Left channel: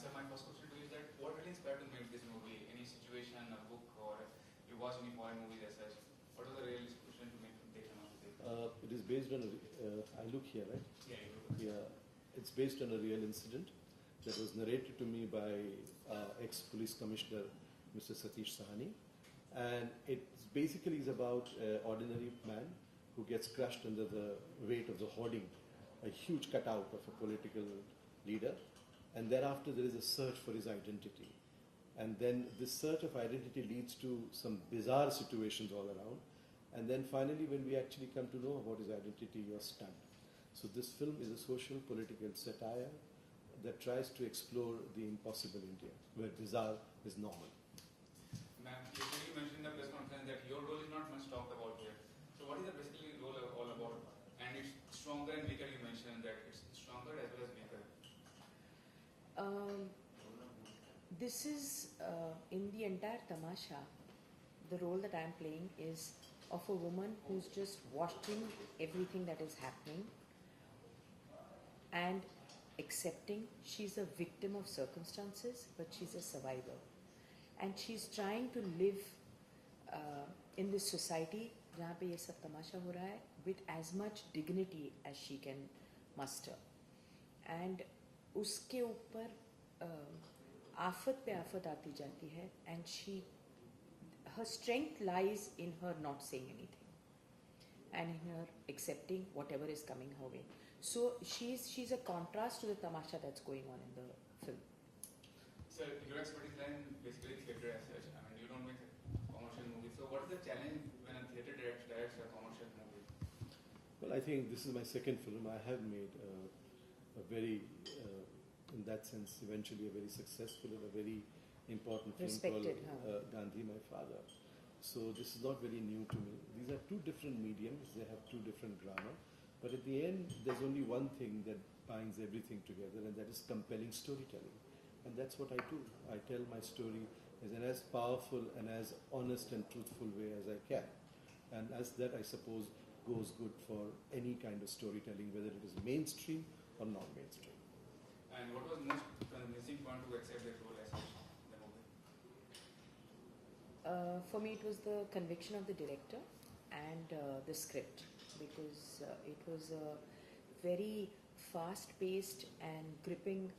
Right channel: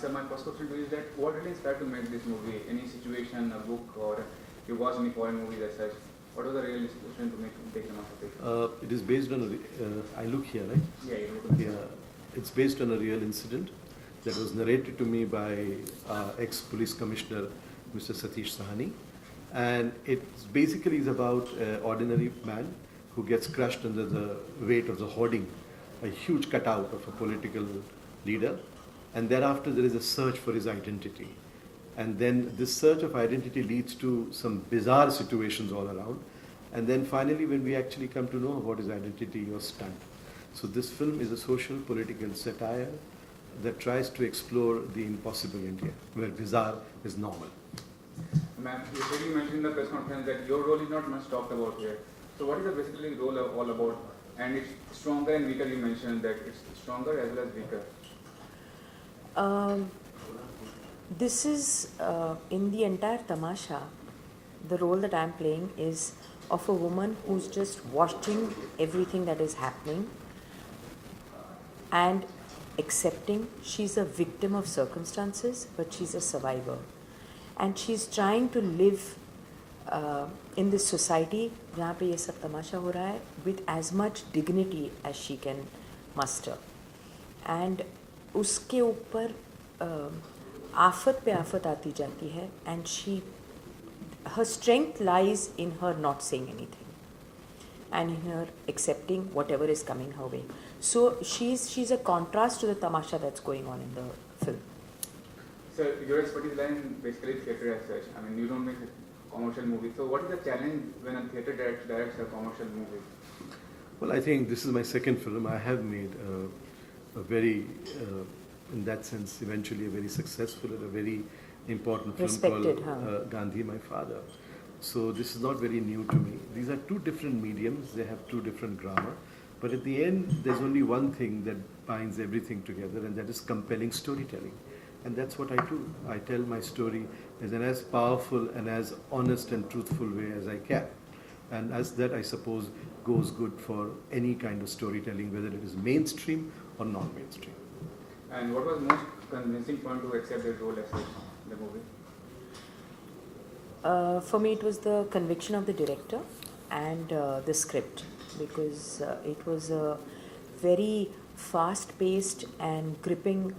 So my first question to you is that what really inspired to make this movie? Any situation, a book, or you watched any foreign movies as such? What was the real inspiration to take the masterpiece? It is based on I look here, right? Yeah, you look Yeah, it's based on a real incident that was narrated to me by ex-police commissioner, Mr. Satish, and it basically is about an ordinary man who gets crushed under the weight of the hoarding, a huge cutout of a political leader, and thereafter there is a search for his identity. And then this search of identity leads to some bizarre situations all around. And then finally, when we actually come to know about his identity, you're stunned. So this film is a social political satire that tries to explore the impossible India, where bizarre is normal. Ma'am, you already mentioned in the press conference that your role is not much talked about here. So what is the basically role all about? And it's stronger and weaker, you mentioned that it's stronger as well as weaker. This is, in the entire tamasha, the role that I'm playing is of a woman who's just watching everything that is happening and accepting she's a victim of circumstances, but she's a survivor. And she's trying to live in this society जहाँ पे ये सब तमाशा हो रहा है with as much dignity as she can muster. And उसके ऊपर आफत पे आफत आती जाती है, and her strength lies in her not saying anything and in her accepting whatever is coming her way. So she's a contrast to the tamasha that's going on in the film. So your expertise lies in basically theatre as such. I mean, you don't make a commercial movie. So what is the challenge when a theatre directs a commercial movie? Well, I think this is my second film. I have made a very, in that sense, eventually a very successful and a very important film Respected, called Gandhi, My Father. So this is not very new to me. These are two different mediums. They have two different grammar. But at the end, there's only one thing that binds everything together, and that is compelling storytelling. And that's what I do. I tell my story in as powerful and as honest and truthful way as I can. And as that, I suppose, goes good for any kind of storytelling, whether it is mainstream or non-mainstream. And what was most convincing point to accept the role as such in the movie? For me, it was the conviction of the director and the script, because it was a very fast-paced and gripping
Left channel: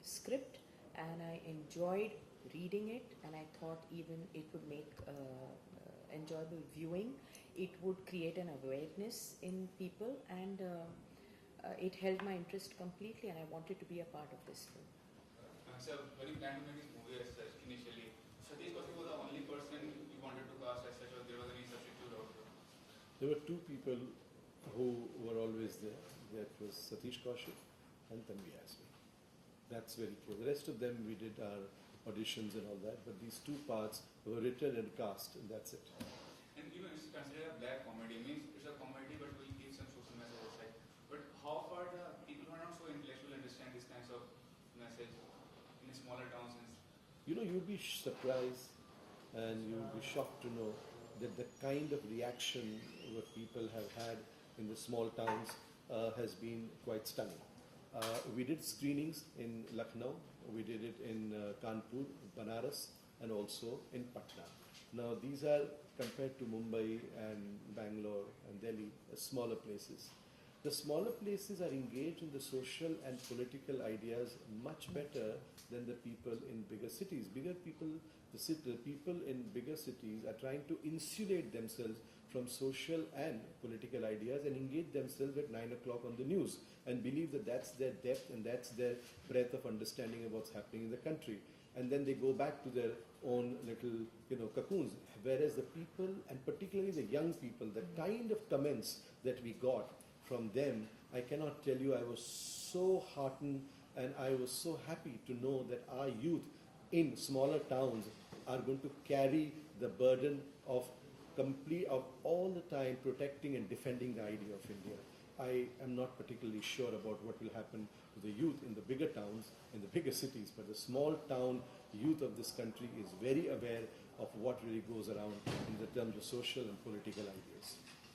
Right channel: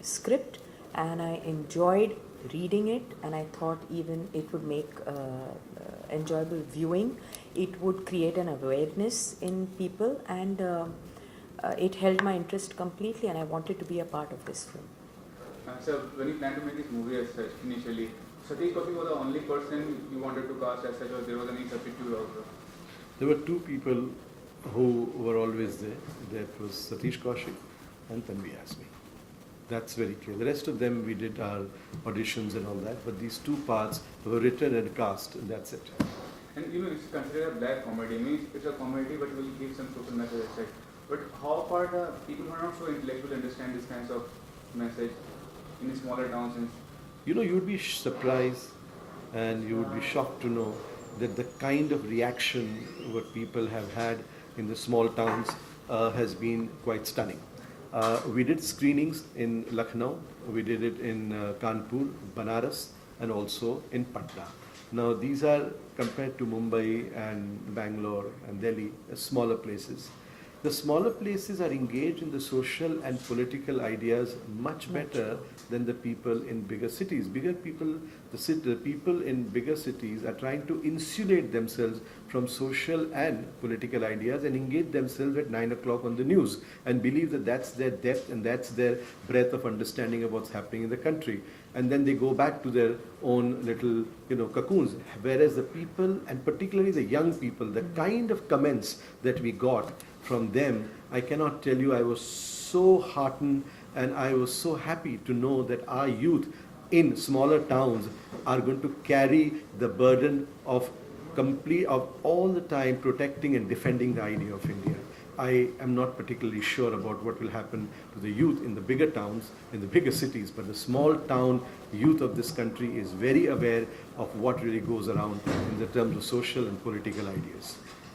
script, and I enjoyed reading it, and I thought even it would make enjoyable viewing. It would create an awareness in people, and it held my interest completely, and I wanted to be a part of this film. So when you planned to make this movie as such initially, Satish was the only person you wanted to cast as such, or there was any substitute also? There were two people who were always there. That was Satish Kaushik and TANVI AZMI. That's very clear. The rest of them, we did our auditions and all that, but these two parts were written and cast, and that's it. And it's considered a black comedy. I mean, it's a comedy, but will give some social message aside. But how far the people who are not so intellectual understand this kinds of message in the smaller towns? And you would be surprised and you would be shocked to know that the kind of reaction what people have had in the small towns has been quite stunning. We did screenings in Lucknow, we did it in Kanpur, Banaras, and also in Patna. Now these are, compared to Mumbai and Bangalore and Delhi, smaller places. The smaller places are engaged in the social and political ideas much better than the people in bigger cities. The people in bigger cities are trying to insulate themselves from social and political ideas and engage themselves at 9 o'clock on the news and believe that that's their depth and that's their breadth of understanding of what's happening in the country. And then they go back to their own little, cocoons. Whereas the people, and particularly the young people, the kind of comments that we got from them, I cannot tell you, I was so heartened and I was so happy to know that our youth in smaller towns are going to carry the burden of all the time protecting and defending the idea of India. I am not particularly sure about what will happen to the youth in the bigger towns, in the bigger cities, but the small town youth of this country is very aware of what really goes around in the terms of social and political ideas.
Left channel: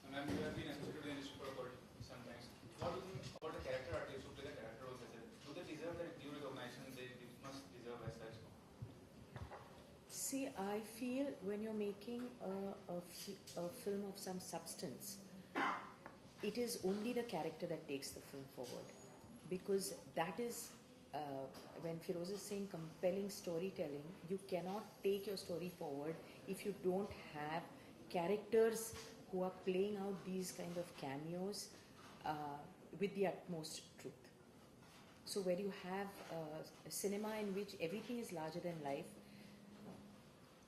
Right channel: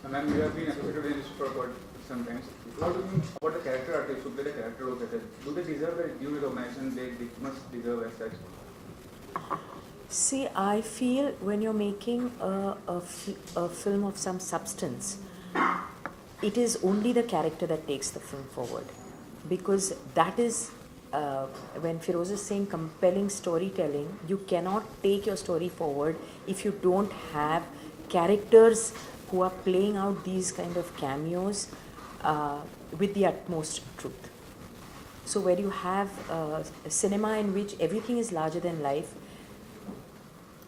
Ma'am, you have been associated with this for quite some time. What do you think about the character artist शुभ के character roles रहते हैं, do they deserve the due recognition they must deserve as such? See, I feel when you're making a film of some substance, it is only the character that takes the film forward. Because that is, when Feroz is saying compelling storytelling, you cannot take your story forward if you don't have characters who are playing out these kind of cameos with the utmost truth. So where you have a cinema in which everything is larger than life,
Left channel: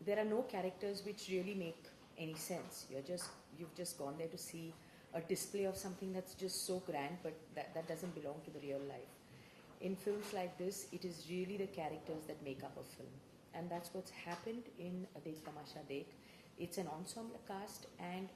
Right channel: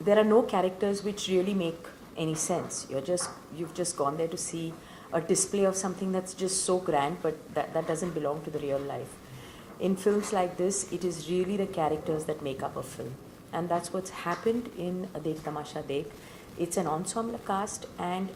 there are no characters which really make any sense. You've just gone there to see a display of something that's just so grand, but that doesn't belong to the real life. In films like this, it is really the characters that make up a film. And that's what's happened in Dekh Tamasha Dekh. It's an ensemble cast, and